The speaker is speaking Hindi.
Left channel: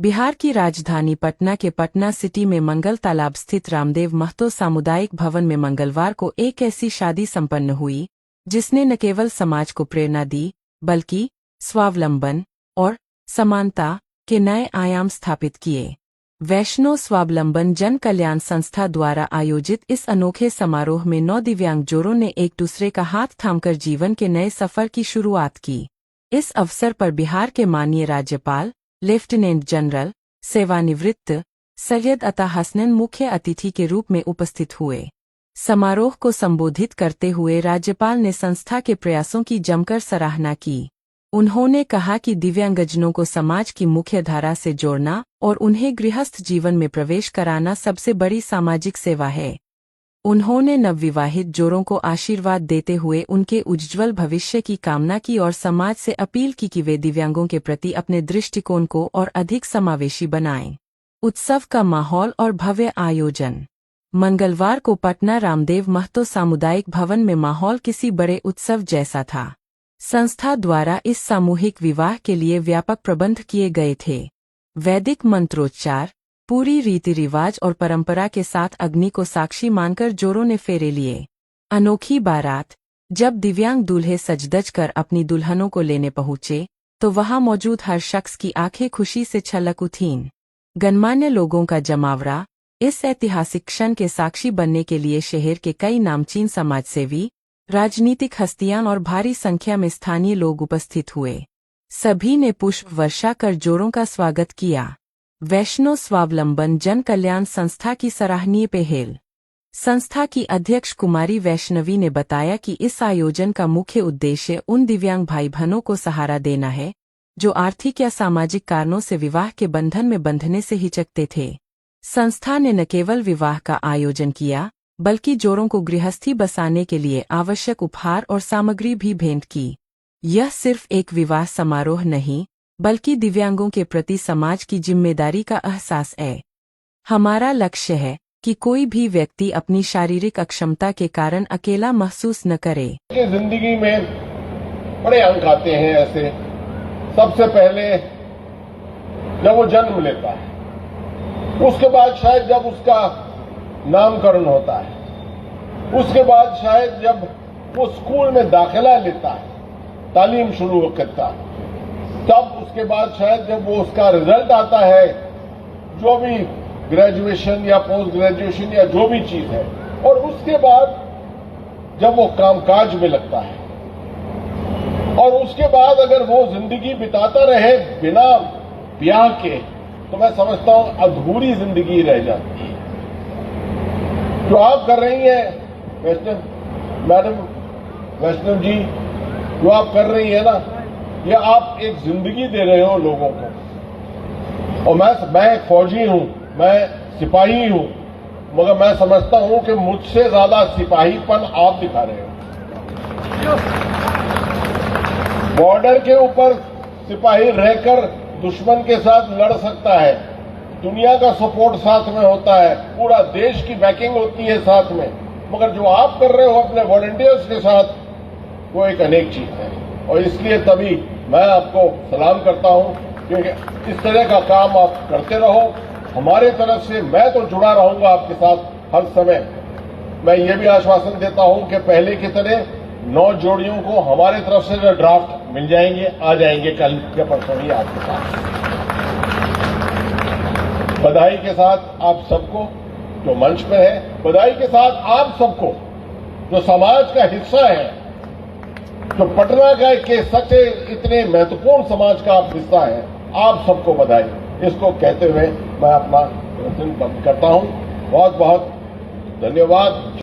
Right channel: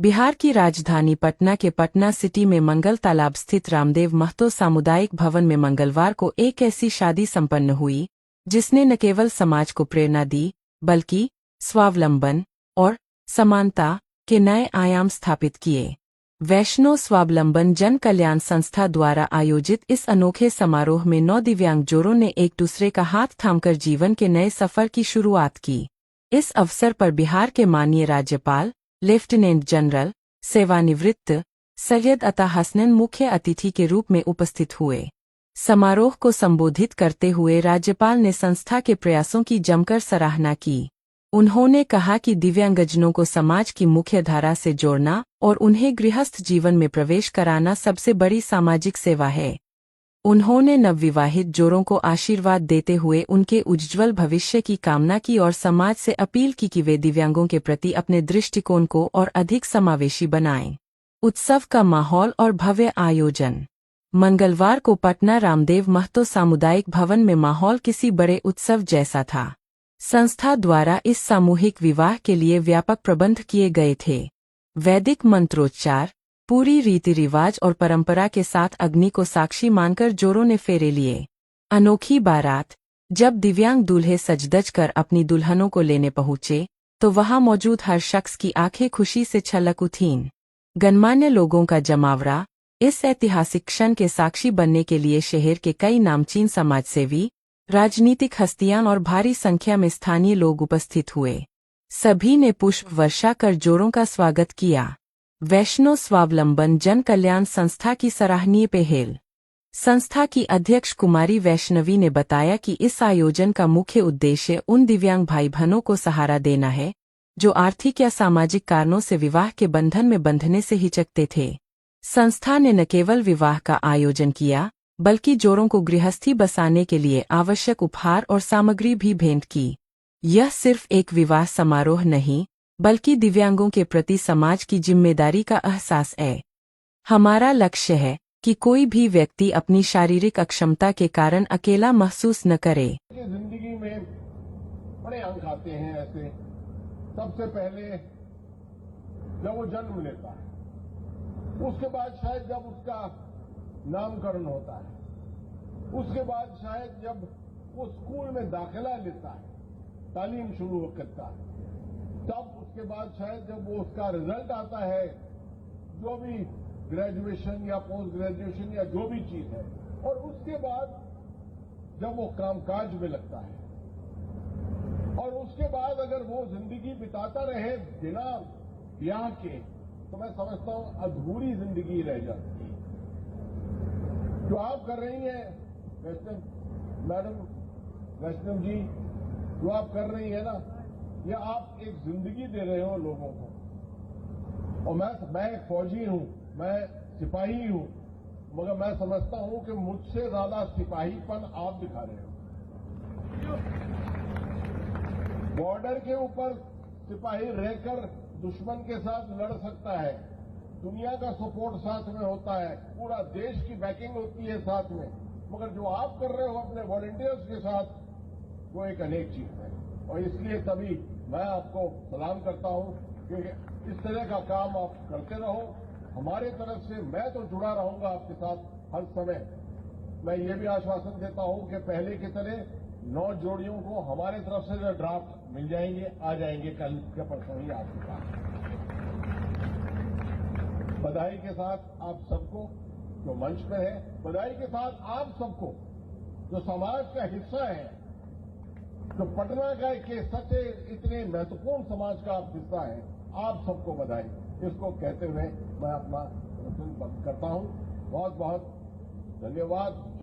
बिहार की राजधानी पटना के पटना सिटी में मंगल तालाब स्थित रामदेव महतो सामुदायिक भवन में मंगलवार को एक ऐसी शादी संपन्न हुई जिसने न केवल समाज को प्रेरणा दी बल्कि स्वावलंबन और समानता के नए आयाम स्थापित किए। वैष्णो स्वावलंबन जन कल्याण संस्था द्वारा आयोजित इस अनोखे समारोह में 9 दिव्यांग जोड़ों ने एक दूसरे का हाथ थामकर जीवन के नए सफर की शुरुआत की। इस अवसर पर बिहार के माननीय राज्यपाल लेफ्टिनेंट जनरल सेवानिवृत्त सैयद अता हसनैन मुख्य अतिथि के रूप में उपस्थित हुए। समारोह को संबोधित करते हुए राज्यपाल ने संस्था के प्रयासों की जमकर सराहना की। उन्होंने कहा कि दिव्यांगजनों को समाज की मुख्य धारा से जोड़ना और उन्हें गृहस्थ जीवन में प्रवेश कराना सबसे बड़ी सामाजिक सेवा है। उन्होंने नवविवाहित जोड़ों को आशीर्वाद देते हुए उनके उज्ज्वल भविष्य की कामना की और समाज से अपील की कि वे दिव्यांगों के प्रति अपने दृष्टिकोण को और अधिक समावेशी बनाएं। उत्सव का माहौल और भव्य आयोजन। मंगलवार को पटना रामदेव महतो सामुदायिक भवन में माहौल किसी बड़े उत्सव जैसा था। संस्था द्वारा इस सामूहिक विवाह के लिए व्यापक प्रबंध किए गए थे। वैदिक मंत्रोच्चार, पूरी रीति रिवाज और परंपरा के साथ अग्नि को साक्षी मानकर जोड़ों ने फेरे लिए। अनोखी बारात। जब दिव्यांग दूल्हे सज-धज कर अपनी दुल्हनों को लेने पहुंचे तो वहां मौजूद हर शख्स की आंखें खुशी से छलक उठीं। गणमान्य लोगों का जमावड़ा। इस ऐतिहासिक क्षण के साक्षी बनने के लिए शहर के कई नामचीन समाजसेवी, राजनीतिक हस्तियां और भारी संख्या में स्थानीय लोग उपस्थित हुए। सभी ने पुष्प वर्षा कर जोड़ों का स्वागत किया। वैष्णो स्वावलंबन जन कल्याण संस्था की सराहनीय पहल। संस्था की अध्यक्ष कुमारी वैष्णवी ने बताया कि इस आयोजन का मुख्य उद्देश्य उन दिव्यांग भाई बहनों को सहारा देना है जो आर्थिक या सामाजिक कारणों से विवाह के बंधन में बंधने से हिचकते थे। संस्था ने न केवल विवाह का आयोजन किया बल्कि जोड़ों को गृहस्थी बसाने के लिए आवश्यक उपहार और सामग्री भी भेंट की। यह सिर्फ एक विवाह समारोह नहीं बल्कि दिव्यांगों के प्रति समाज की जिम्मेदारी का एहसास है। हमारा लक्ष्य है कि कोई भी व्यक्ति अपनी शारीरिक अक्षमता के कारण अकेला महसूस न करे। जिंदगी में बड़े अंक आते हैं ऐसे। सबसे पहले जब वो जन्म लेता है, उसके बाद शायद जब उसका नामकरण होता है, उसके बाद शायद जब वो स्कूल में दाखिला लेता है, तालीम शुरू करता है, तब उसके बाद शायद जब वो उसका रिजल्ट आता है, जो भी ग्रेजुएशन या पोस्ट ग्रेजुएशन या जो भी चीज है, और उसके बाद जब वो कामकाज में लगता है, और उसके बाद अगर वो जिंदगी बिताता रहे बिना ब्याह के, तो मैं समझता हूं अधूरी जिंदगी रह जाती है। जो आप कर रही हैं मैडम वैष्णव जी, जो आप कर रही है ना, ये आप एक जिंदगी दे रहे हो लोगों को। और मैं एक फौजी हूं, मैं सिपाही हूं, मगर मैं समझता हूं कि मुझसे ज्यादा सिपाहीपन आप दिखा रहे हो। बॉर्डर के ऊपर सिपाही रहकर दुश्मन के साथ लड़ सकता है, दुनिया का सपोर्ट साथ में होता है, पूरा देश की बैकिंग होती है साथ में, मगर जो आप कर रहे हो अपने वॉलंटियर्स के साथ, वो एक अनेक चीज है। और इसलिए तभी मैं आपको सलाम करता हूं, क्योंकि इस तरह का काम आप करते रहो। हमारे तरफ से मैं तो जुड़ा रहूंगा आपके साथ हर समय। मैं ये भी आश्वासन देता हूं कि पहले की तरह 9 जोड़ियों को हमारे तरफ से जो ड्राफ्ट मिल जाएंगे, आ जाएंगे कल के परसों ही आपके पास। बधाई के साथ आप सबको जो मंच पर है, बधाई के साथ आप सबको जो समाज का हिस्सा है, जो पटना का के सच्चे इतने महत्वपूर्ण समाज का आप हिस्सा है, आप सबको बधाई। इसको कहते हुए मैं अपना प्रश्न बंद करता हूं। बहुत बहुत धन्यवाद।